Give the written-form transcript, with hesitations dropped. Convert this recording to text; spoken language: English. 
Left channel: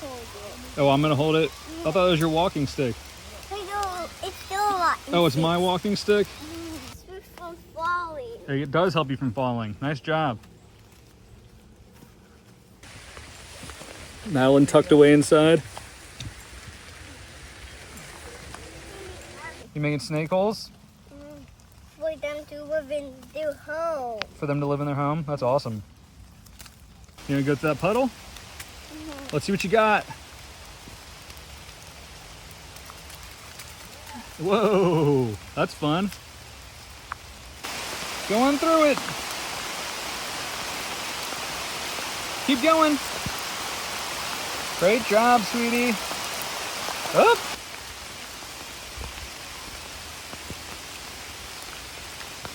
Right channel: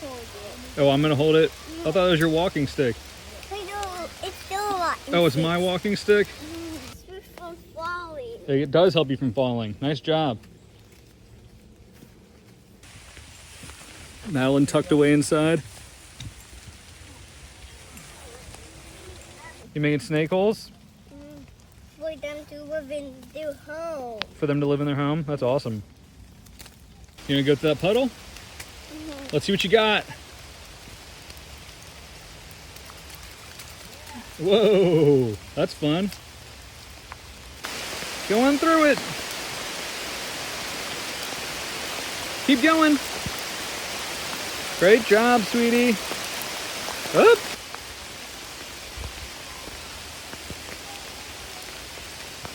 hold it. Oh, I'm gonna hold it? I thought it was your walking stick. I know, it's still a lot. Oh, it's my walking stick? It's from falling. It does help you from falling. Nice job. Madeline tucked away inside. You made snake holes? For them to live in their home. For them to live in their home? That's awesome. You gonna go to that puddle? Let's see what you got. Whoa, that's fun. Going through it. Keep going. Great job, sweetie. Up.